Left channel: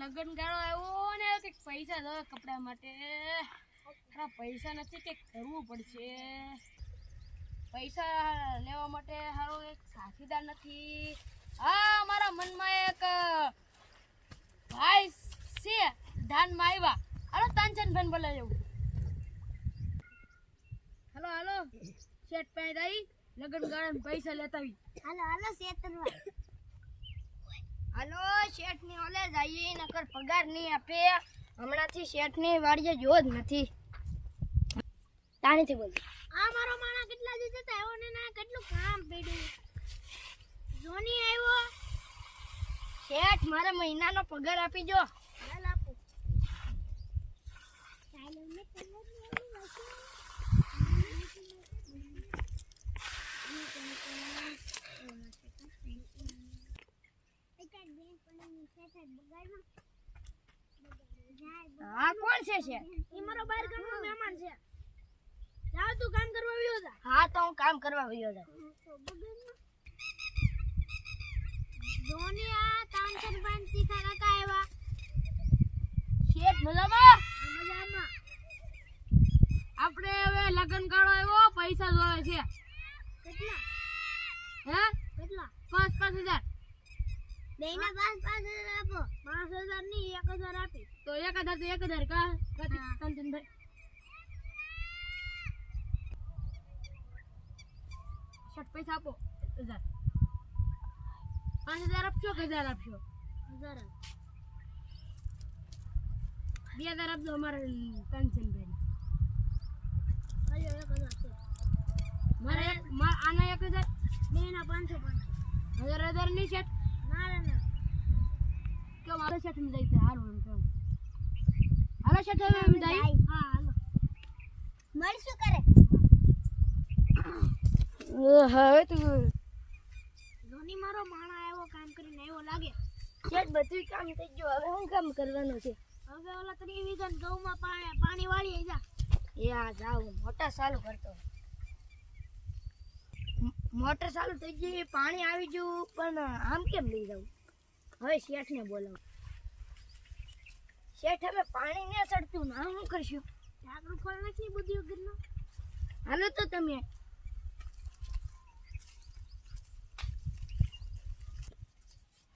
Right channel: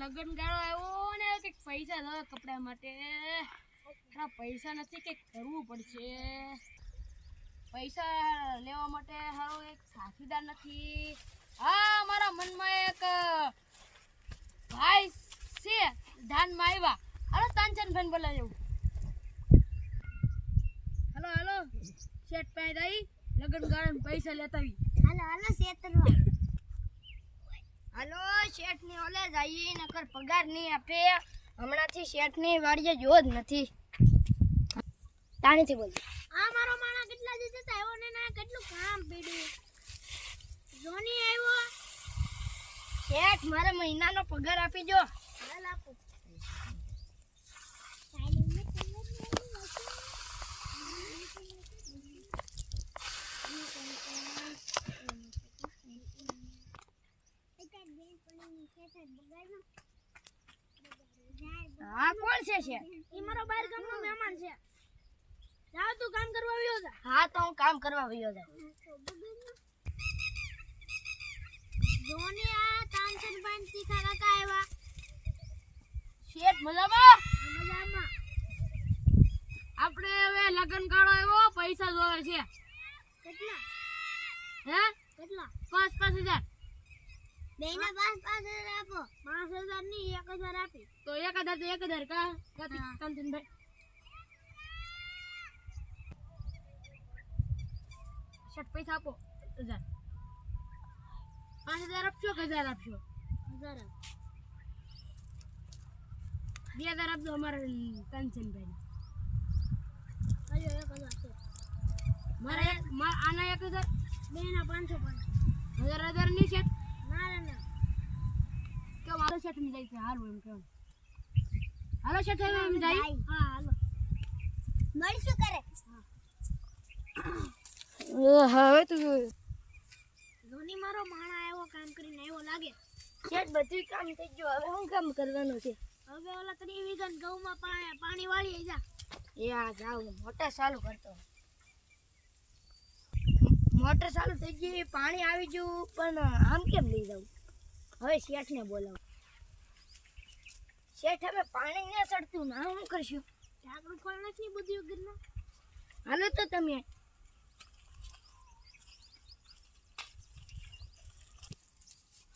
લગન ગાળો આવ્યો ને કંઈક પૈસા દો કપડા માટે. પૈસા નથી, કંઈક કરવું પડશે. પૈસા લેવા માટે હારો એક સાથીદાર નથી. હા, મારા મનમાં એક ભાઈ છે ધ્યાનમાં આવ્યા. હાલો તાનચંદભાઈ બોલાવી લેવું. હાલો હાલો શેઠ પાસે આવી લગન ગાળો પૈસા લેતા આવી. હાલો હાલો શેતરવા હાલો શેઠ ની ઓલે જઈએ નકર પગાર નહીં આપે. હમણાંથી શેઠ ની વાડીએ જો જ નથી. તાણીથી બોલ. આ મારો માણા કેટલા દિવસે આવ્યો ને ના કેટલું કામ પડ્યું. જોની આવ્યો શેઠ મારે મહિનાનો પગાર આપી જો. હાલ આપો. હા કોણ છે શેઠ? ઈ મારો બહાર ગામનો મહેમાન છે. જાવ તું કામ કરવા આવ્યો જા. હા તો હું કામ કરવા આવ્યો જા. જોની આ તાનચંદભાઈ તીખા કાકા આવ્યા. શેઠ મજામાં? મજામાં. આપણે હવે લગન ગાળો આવ્યો, પૈસા જોવે છે. કેટલા? હે કેટલા? 5,000. બેના 5,000 આપો. 5,000 ની 1,000 આપી. તો 1,000 તો 1,000 કા કાંચનભાઈ. શેઠ પૈસા આપો 1,000. 5,000 આપશો કે 1,000 આપશો? 1,000. 2,000 આપજો અમારે કાંચનભાઈ. અલ્યો 1,000 છે. મારે આના 1,000 બેના 500. 1,000 ની શેઠ. ના રે ના. કે મારો શેઠ માં જાય છે હારું એમ કેમ. હાલો શેઠ હવે એમ જાય. હા હાલો. મળશું કરે. ઓ હવે તો ધોની મારો માણા આવ્યો કામ કરીને આવ્યો લાગે. શેઠ બધું કામ થઈ ગયું. હવે હું કામ કરવાનું છે? હવે ઓલા 3 વીઘા ઘઉંમાં પાણી વાળી જા. યા જાવ મોટર ચાલુ કરતો. મોટર ચાલુ થઈ ગઈ, પાણી આવી ગયું, પણ આમ કેમ લઈ જાઉં? હવે શેઠને બોલાવું. શેઠ હવે પાણી ને સડતું ના શું કરશું? ઢાંકણું ખોલ નાખી બધી વગરના. હાલો તો તમે.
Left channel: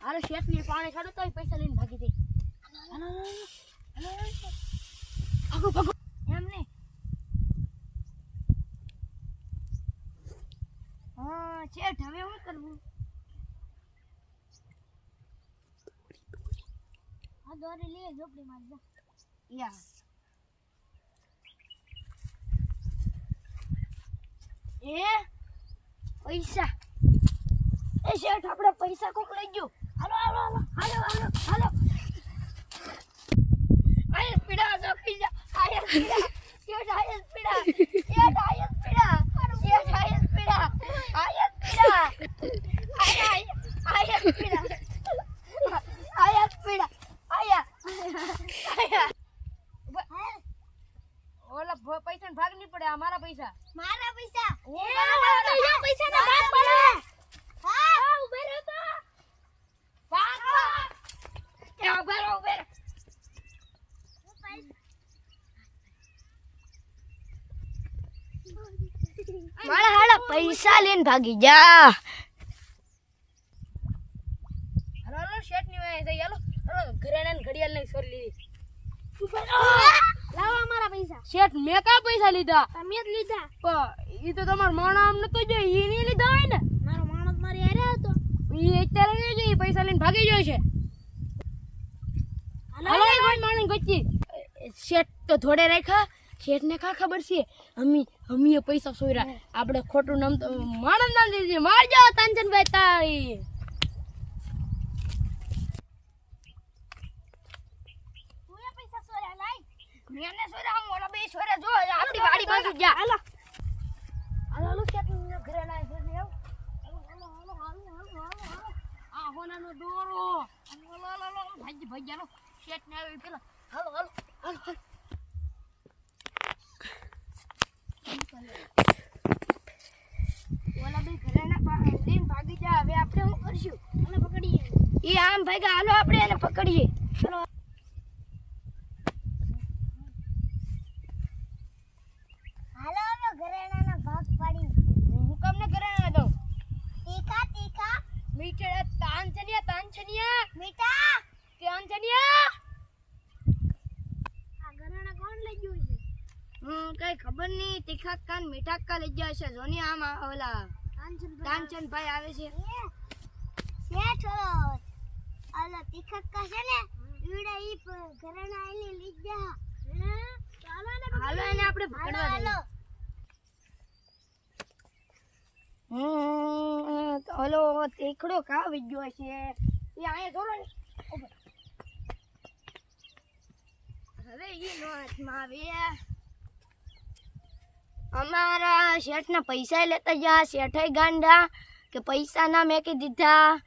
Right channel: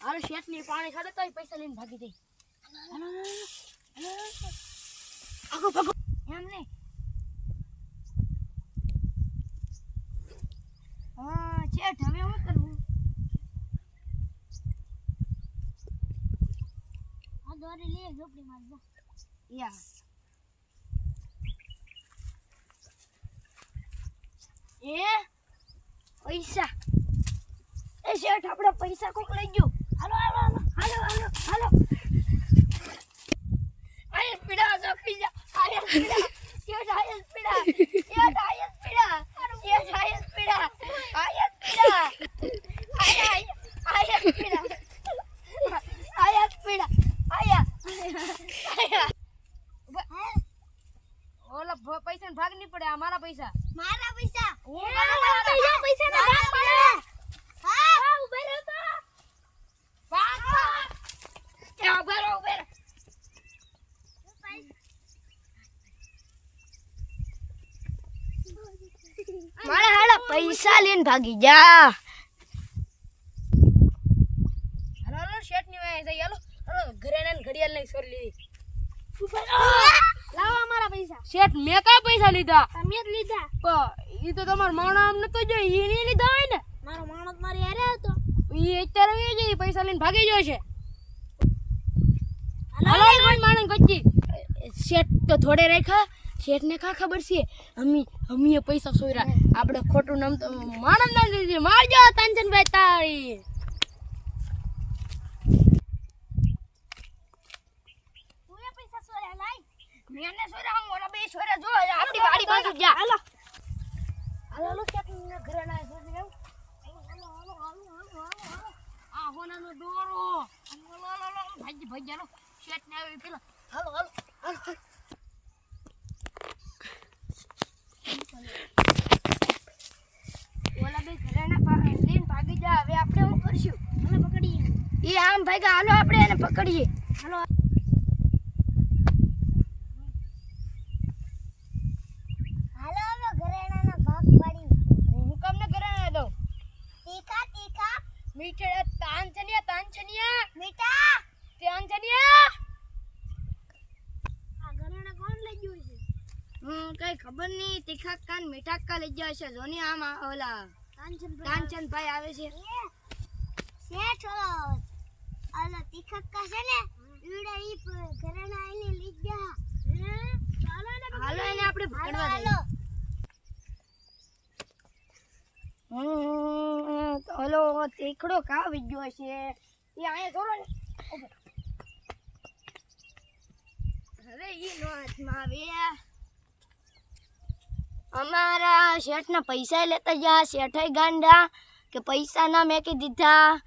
હાલો શેઠ ની પાણી છાડો તો પૈસા લઈને ભાગી દે. હાલો આગો ભાગો. એમ નહીં. હા શેઠ હવે શું કરવું? આ દોરી લે ઝોપડી માં જા. યા એ પૈસા. એ શેઠ આપણે પૈસા કોક લઈ ગયો. હાલો હાલો હાલો હાલો હાલો હાલો. આયસ પીડા જોખી જા. આયસ પીડા. શેઠ આયસ પીડા. શેઠ આયસ પીડા. શેઠ આયસ પીડા. આયસ પીડા. આયસ પીડા. આયસ પીડા. આયા. ઓલા પૈસા ભાગ નહીં પડે. અમારા પૈસા. મારા પૈસા. પૈસા ના ભાગ પડે. હા ઉભે રહો તો. ભાગ ત્યાં ઉભે રહો ઉભે રહો. મારા હાડા પૈસા લઈને ભાગી જા. હાલો શેઠ ની વાય જઈ. હાલો ઘરેણા ને ઘડિયાળ લઈને છોડી લીધી. લાવો અમારા પૈસા. શેઠ મેં કા પૈસા લીધા? તમે જ લીધા. પણ ઈ તો તમાર માણસ આમ નતો જો. ઈ ની લીધા હોય ને. મારો માણસ મારી હારે હતો. ઈ અત્યારે ગયો છે. ઈ પૈસા લઈને ભાગી ગયો છે. હાલો કોઈ માણસ ગચ્ચી. શેઠ તો થોડે રાખ્યા. શેઠ ને કા ખબર છે અમી પૈસા સોયરા. આપણે ખોટું નામ તો માણસ નામ દીધી. મારજો તાનચંદભાઈ તાળી. તુએ પૈસા સોરા લાઈ. મેને સોરા હું ઓલા બે સોરા જો આપણી વાડી બાજુ જા. હાલો હાલો શેઠ ને ઘરે ના છે ને આવ. આ હોનાનો દોરો. ભાઈ જાનો શેઠ ને આવી પેલા. હાલો હાલો હાલો. ઓલા બે ઘરેણા લઈને ભાગી જા. હવે આપણે શું કરશું? મને પકડીએ. એ આમ ભાગ્યા. હાલો આપણે એને પકડીએ. હાલો. ખબર નહીં તીખા કાન મીઠા કા લઈ ગયા છે જોની આમ ઓલા કાંચનભાઈ આવે છે શેઠ ઓલો તીખક્કા છે ને ઈડા ઈ ઘરેણા આઈને લઈ ગયા હાલો એને આપણે પકડવા દઈએ ઓલો તીખડો કા આવી ગયો છે એ અહીંયા જોરો ને હવે ઈ નો હાથમાં આવે અમારા શેઠના પૈસા લેતા ગયા શેઠાઈ ગાંડા કે પૈસા ના મેકી દીધા